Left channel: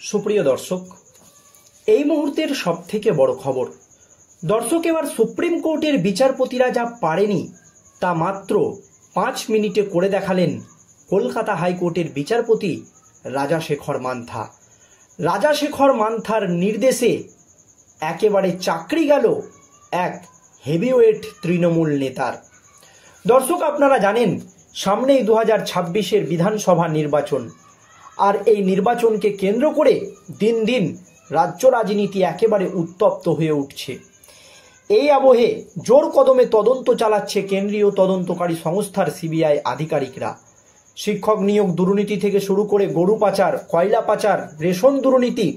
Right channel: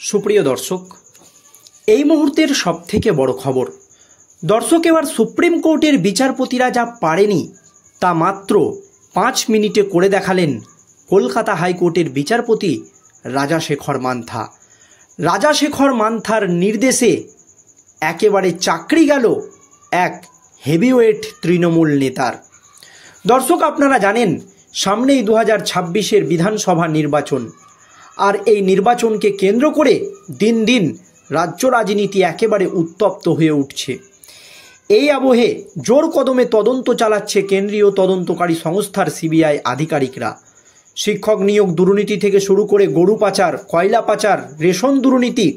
সুপ্রিয় দর্শক, এই মুহূর্তের সবথেকে বড় খবর। দর্শক, এবার সুপ্রিম কোর্টের বিচারপতিরা যা পারেনি তা মাত্র 5 মিনিটে করে দেখালেন কলকাতা হাইকোর্টের বিচারপতি রাজাশেখর মান্থা। রাজাশেখর মান্থার নির্দেশে একেবারে চাকরি গেল এক হেভিওয়েট তৃণমূল নেতার। দর্শক, আপনারা জানেন সামনেই 2026-এর বিধানসভা নির্বাচন, আর এই নির্বাচনকে কেন্দ্র করে দিন দিন রাজ্য রাজনীতি একেবারে উত্তপ্ত হয়ে উঠছে। এই আবহে জোর কদমে তদন্ত চালাচ্ছে কেন্দ্রীয় তদন্তকারী সংস্থার সিবিআই আধিকারিকরা। শিক্ষক নিয়োগ দুর্নীতি থেকে শুরু করে গরু পাচার, কয়লা পাচার, রেশন দুর্নীতি,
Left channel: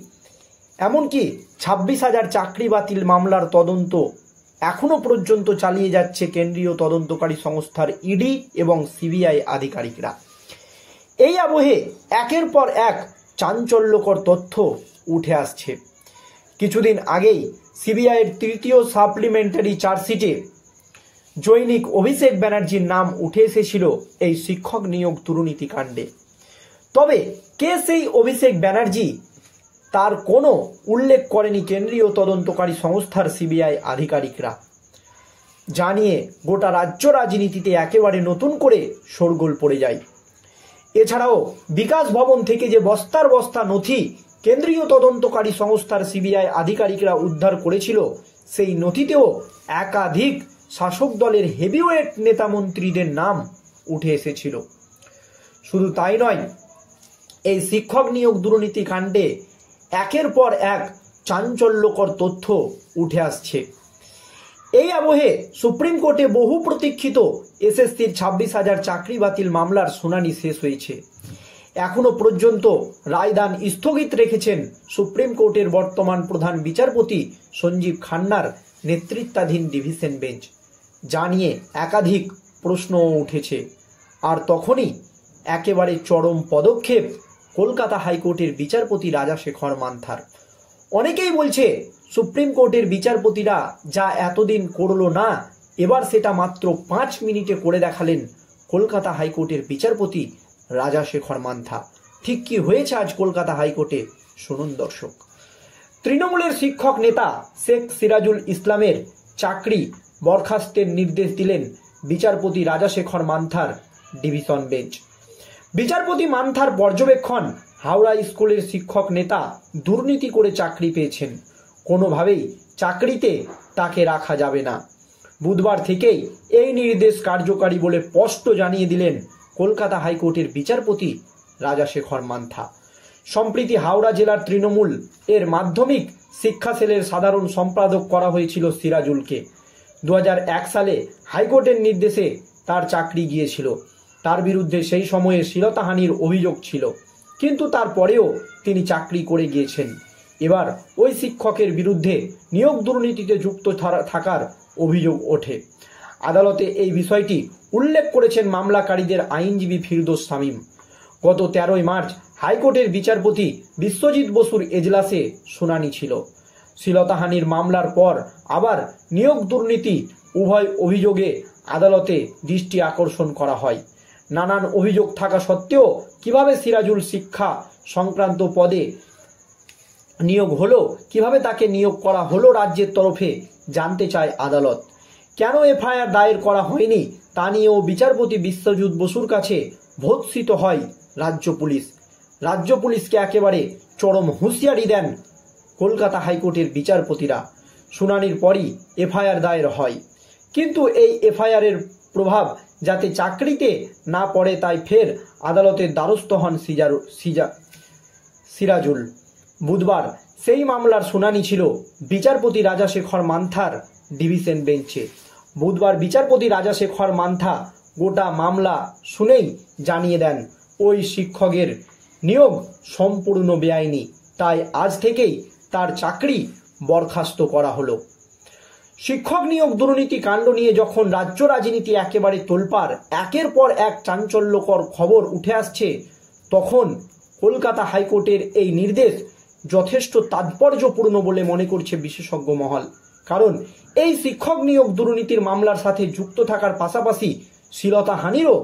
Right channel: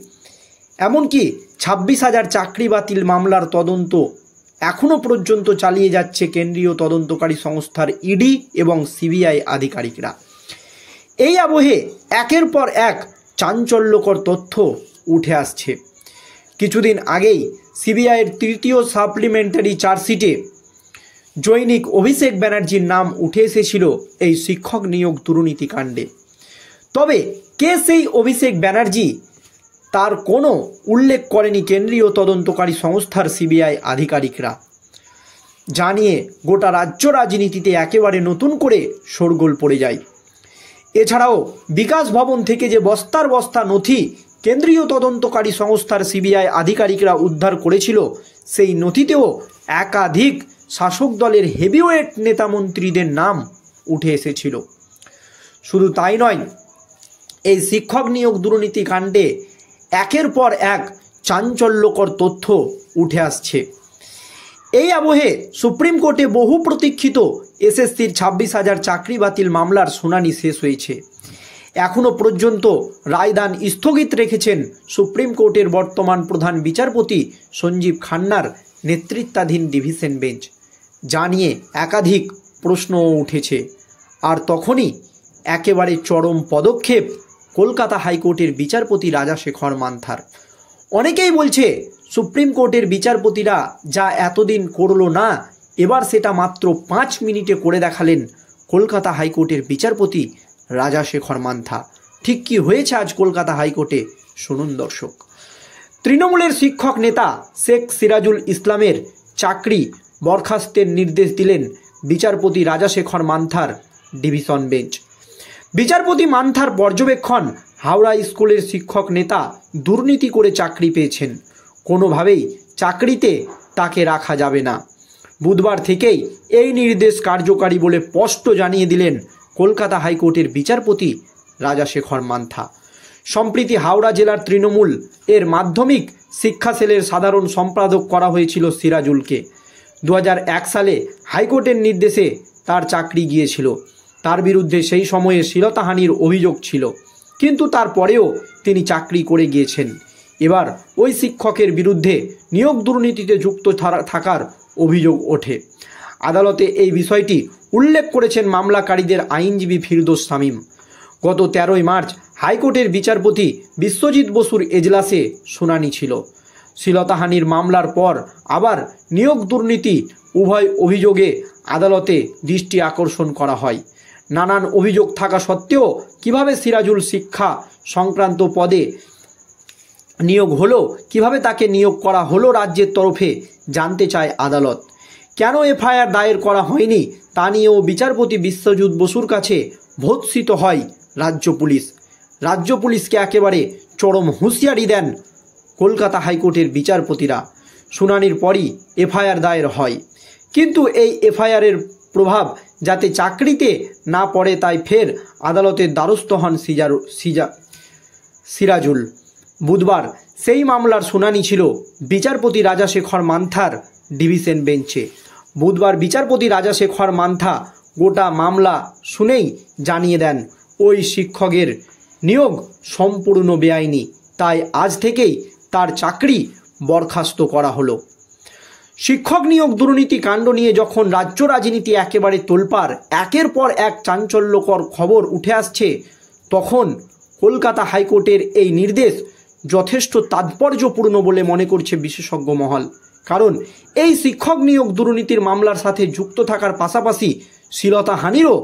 এমনকি 26,000 চাকরি বাতিল মামলার তদন্ত এখনও পর্যন্ত চালিয়ে যাচ্ছে কেন্দ্রীয় তদন্তকারী সংস্থার ইডি এবং সিবিআই আধিকারিকরা। এই আবহে একের পর এক চাঞ্চল্যকর তথ্য উঠে আসছে। কিছুদিন আগেই সিবিআইয়ের তৃতীয় সাপ্লিমেন্টারি চার্জশিটে জৈনিক অভিষেক ব্যানার্জির নাম উঠে এসেছিল এই শিক্ষক নিয়োগ দুর্নীতি কাণ্ডে। তবে কে সেই অভিষেক ব্যানার্জি তার কোনো উল্লেখ করেনি কেন্দ্রীয় তদন্তকারী সংস্থার সিবিআই আধিকারিকরা। জানিয়ে গোটা রাজ্য রাজনীতিতে একেবারে নতুন করে শোরগোল পড়ে যায়। এছাড়াও বিকাশ ভবন থেকে যে বস্তার বস্তা নথি কেন্দ্রীয় তদন্তকারী সংস্থার সিবিআই আধিকারিকরা উদ্ধার করেছিল, সেই নথিতেও একাধিক শাসক দলের হেভিওয়েট নেতা মন্ত্রীদের নাম উঠে এসেছিল। শুধু তাই নয়, এই শিক্ষক নিয়োগ দুর্নীতি কাণ্ডে একের পর এক চাঞ্চল্যকর তথ্য উঠে আসছে। এই আবহে সুপ্রিম কোর্টে বহু প্রতীক্ষিত এসএসসির 26,000 চাকরি বাতিল মামলার শুনানি শেষ হয়েছে। এখনও পর্যন্ত রায়দান স্থগিত রেখেছেন সুপ্রিম কোর্টের বর্তমান প্রধান বিচারপতি সঞ্জীব খান্নার নেতৃত্বাধীন ডিভিশন বেঞ্চ। যা নিয়ে একাধিক প্রশ্নও উঠেছে। আর তখনই একেবারে চরম পদক্ষেপ কলকাতা হাইকোর্টের বিচারপতি রাজাশেখর মান্থার। অনেকেই বলছে সুপ্রিম কোর্টের বিচারপতিরা যা এতদিন করলো না, এবার সেটা মাত্র 5 মিনিটে করে দেখালেন কলকাতা হাইকোর্টের বিচারপতি রাজাশেখর মান্থা। ঠিক কি হয়েছে আজ কলকাতা হাইকোর্টে শুনুন দর্শক। তৃণমূলের শিক্ষক নেতা শেখ সিরাজুল ইসলামের চাকরি বরখাস্তের নির্দেশ দিলেন বিচারপতি রাজাশেখর মান্থার ডিভিশন বেঞ্চ। বিচারপতি মান্থার পর্যবেক্ষণ, হাওড়া স্কুলের শিক্ষক নেতা দুর্নীতি করে চাকরি পেয়েছেন, কোনোভাবেই চাকরিতে তাকে রাখা যাবে না। বুধবার থেকেই এই নির্দেশ কার্যকারী বলে স্পষ্ট জানিয়ে দিলেন কলকাতা হাইকোর্টের বিচারপতি রাজাশেখর মান্থা। সম্প্রতি হাওড়া জেলার তৃণমূল এর মাধ্যমিক শিক্ষা সেলের সাধারণ সম্পাদক করা হয়েছিল সিরাজুলকে। 2001 সালে হাইকোর্টের নির্দেশে তার চাকরি গিয়েছিল। তার বিরুদ্ধে সেই সময়ে শ্লীলতাহানির অভিযোগ ছিল, কিন্তু তারপরেও তিনি চাকরি করে গিয়েছেন। এবার ওই শিক্ষকের বিরুদ্ধে নিয়োগ দুর্নীতিতে যুক্ত থাকার অভিযোগ ওঠে। আদালতে এই বিষয়টি উল্লেখ করেছেন মামলাকারীদের আইনজীবী ফিরদৌস শামীম। গত 13 মার্চ হাইকোর্টের বিচারপতি বিশ্বজিৎ বসুর এজলাসে শুনানি ছিল। শ্লীলতাহানির মামলার পর আবার নিয়োগ দুর্নীতি উভয় অভিযোগে আদালতে দৃষ্টি আকর্ষণ করা হয়। নানান অভিযোগ থাকা সত্ত্বেও কিভাবে সিরাজুল শিক্ষা সংক্রান্ত পদে নিয়োগ হলো, কিভাবে তাকে নিয়োগ করা হলো রাজ্যের তরফে জানতে চায় আদালত। কেন এফআইআর দায়ের করা হয়নি তা নিয়েও বিচারপতি বিশ্বজিৎ বসুর কাছে ভর্ৎসিত হয় রাজ্য পুলিশ। রাজ্য পুলিশকে একেবারে চরম হুঁশিয়ারি দেন কলকাতা হাইকোর্টের বিচারপতিরা। শুনানির পরই এফআইআর দায়ের হয়, কিন্তু এই এফআইআরের প্রভাব যাতে চাকরিতে না পড়ে তাই ফের আদালতের দ্বারস্থ হন সিরাজুল। বুধবার সেই মামলার শুনানি ছিল বিচারপতি রাজাশেখর মান্থার ডিভিশন বেঞ্চে। বুধবার বিচারপতি রাজাশেখর মান্থা গোটা মামলা শুনেই জানিয়ে দেন ওই শিক্ষকের নিয়োগ সম্পূর্ণ বেআইনি, তাই আজ থেকেই তার চাকরি বরখাস্ত করা হলো। শিক্ষক নিয়োগ দুর্নীতি কাণ্ড নিয়ে যখন রাজ্য রাজনীতি একেবারে তোলপাড়, একের পর এক চাঞ্চল্যকর খবর উঠে আসছে, তখন কলকাতা হাইকোর্টের এই নির্দেশ যথেষ্ট তাৎপর্যপূর্ণ বলে মনে করছে বিশেষজ্ঞ মহল। কারণ এই শিক্ষক নিয়োগ দুর্নীতির মামলার সাথে যুক্ত থাকার পাশাপাশি শ্লীলতাহানিরও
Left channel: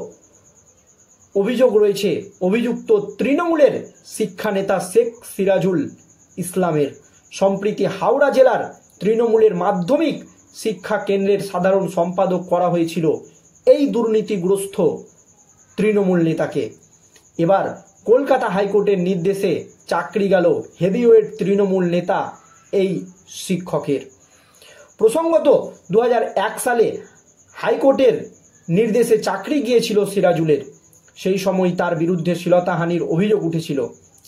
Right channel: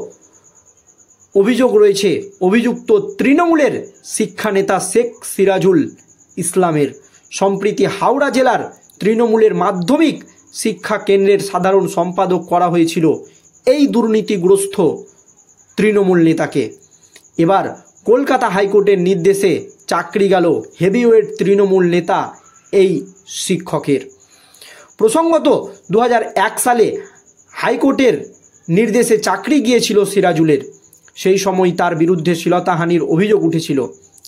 অভিযোগ রয়েছে অভিযুক্ত তৃণমূলের শিক্ষানেতা শেখ সিরাজুল ইসলামের। সম্প্রতি হাওড়া জেলার তৃণমূলের মাধ্যমিক শিক্ষা কেন্দ্রের সাধারণ সম্পাদক করা হয়েছিল এই দুর্নীতিগ্রস্ত তৃণমূল নেতাকে। এবার কলকাতা হাইকোর্টের নির্দেশে চাকরি গেল হেভিওয়েট তৃণমূল নেতা এই শিক্ষকের। প্রসঙ্গত 2001 সালে হাইকোর্টের নির্দেশে চাকরি গিয়েছিল সিরাজুলের। সেই সময় তার বিরুদ্ধে শ্লীলতাহানির অভিযোগ উঠেছিল,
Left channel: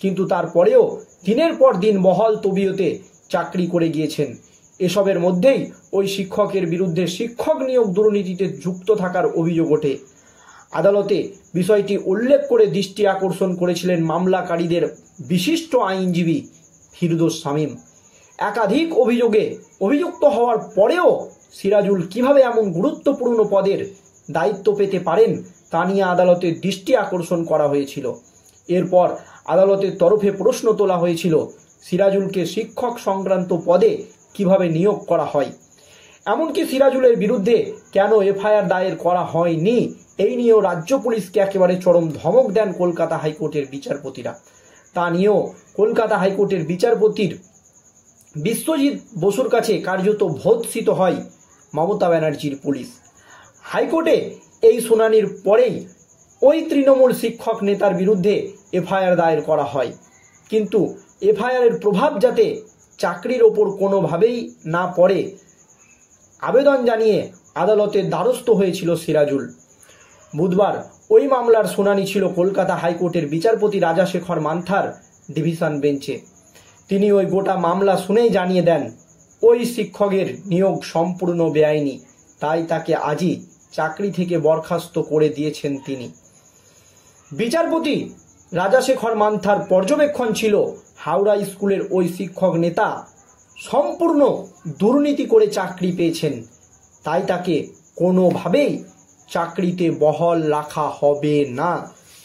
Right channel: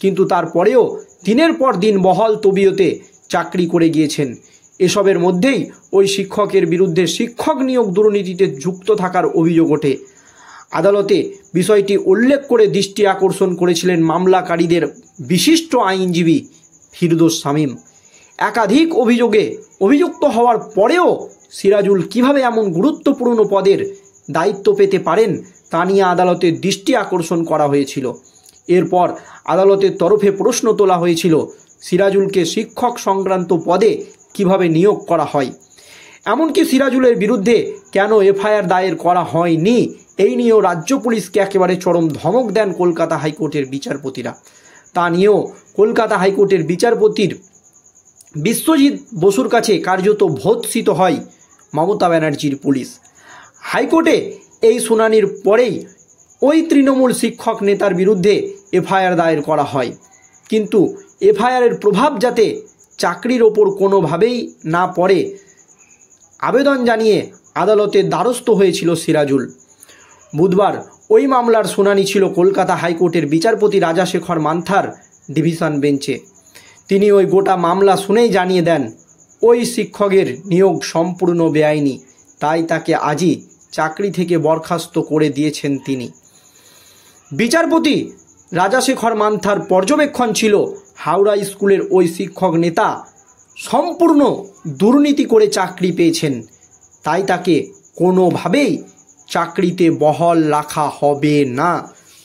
কিন্তু তারপরেও দিনের পর দিন বহাল তবিয়তে চাকরি করে গিয়েছেন। এসবের মধ্যেই ওই শিক্ষকের বিরুদ্ধে শিক্ষক নিয়োগ দুর্নীতিতে যুক্ত থাকার অভিযোগ ওঠে। আদালতে বিষয়টি উল্লেখ করে দৃষ্টি আকর্ষণ করেছিলেন মামলাকারীদের বিশিষ্ট আইনজীবী ফিরদৌস শামীম। একাধিক অভিযোগে অভিযুক্ত হওয়ার পরেও সিরাজুল কিভাবে এমন গুরুত্বপূর্ণ পদের দায়িত্ব পেতে পারেন তা নিয়ে আদালতের দৃষ্টি আকর্ষণ করা হয়েছিল। এরপর আদালতের তরফে প্রশ্ন তোলা হয়েছিল সিরাজুলকে শিক্ষক সংক্রান্ত পদে কিভাবে নিয়োগ করা হয়, এমনকি সিরাজুলের বিরুদ্ধে কেন এফআইআর দায়ের করা হয়নি এই নিয়েও রাজ্য পুলিশকে একেবারে চরম ধমক দেন কলকাতা হাইকোর্টের বিচারপতিরা। তা নিয়েও কলকাতা হাইকোর্টের বিচারপতির বিশ্বজিৎ বসুর কাছে কার্যত ভর্ৎসিত হয় মমতা ব্যানার্জির পুলিশ। হাইকোর্টে এই শুনানির পরেই ওই তৃণমূল শিক্ষক নেতার বিরুদ্ধে এফআইআর দায়ের করা হয়, কিন্তু এফআইআরের প্রভাব যাতে চাকরির ওপর কোনোভাবেই না পড়ে আবেদন জানিয়ে আদালতের দ্বারস্থ হয়েছিল সিরাজুল। বুধবার ওই মামলার শুনানি ছিল কলকাতা হাইকোর্টের বিচারপতি রাজাশেখর মান্থার ডিভিশন বেঞ্চে। তিনি ওই গোটা মামলা শুনেই জানিয়ে দেন ওই শিক্ষকের নিয়োগ সম্পূর্ণ বেআইনি, তাই তাকে আজই চাকরি থেকে বরখাস্ত করে দিয়েছেন তিনি। বিচারপতি রাজাশেখর মান্থার পর্যবেক্ষণ ছিল হাওড়া স্কুলের ওই শিক্ষক নেতা সম্পূর্ণ দুর্নীতি করে চাকরি পেয়েছেন, তাই তাকে কোনোভাবেই চাকরিতে বহাল রাখা হবে না,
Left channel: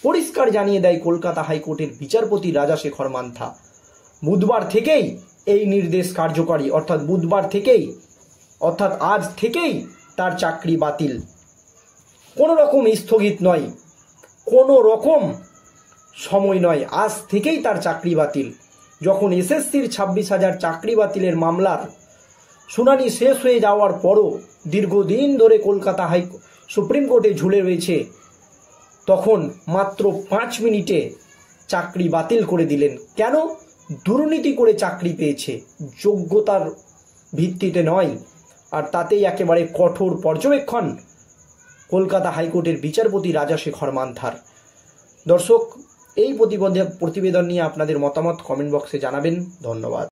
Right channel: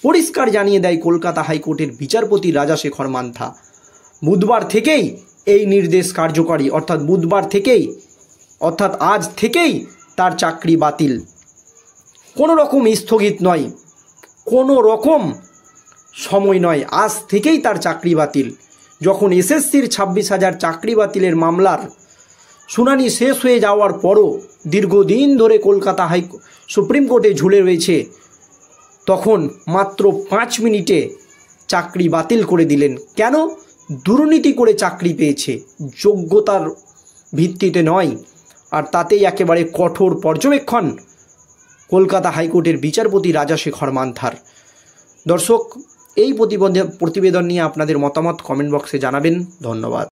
পরিষ্কার জানিয়ে দেয় কলকাতা হাইকোর্টের বিচারপতি রাজাশেখর মান্থা। বুধবার থেকেই এই নির্দেশ কার্যকরী, অর্থাৎ আজ থেকেই তার চাকরি বাতিল। কোনো রকম স্থগিত নয়, কোনো রকম সময় নয়, আজ থেকেই তার চাকরি বাতিল। যখন এসএসসির 26,000 চাকরি বাতিলের মামলার শুনানি শেষ হয়ে যাওয়ার পরও দীর্ঘদিন ধরে কলকাতা সুপ্রিম কোর্টে ঝুলে রয়েছে, তখন মাত্র 5 মিনিটে চাকরি বাতিল করে দিলেন। কেন? দুর্নীতি করে চাকরি পেয়েছে, যোগ্যতার ভিত্তিতে নয়। আর তাতেই একেবারে কঠোর পর্যবেক্ষণ কলকাতা হাইকোর্টের বিচারপতি রাজাশেখর মান্থার। দর্শক, এই প্রতিবেদন নিয়ে আপনাদের মতামত কমেন্ট বক্সে জানাবেন। ধন্যবাদ।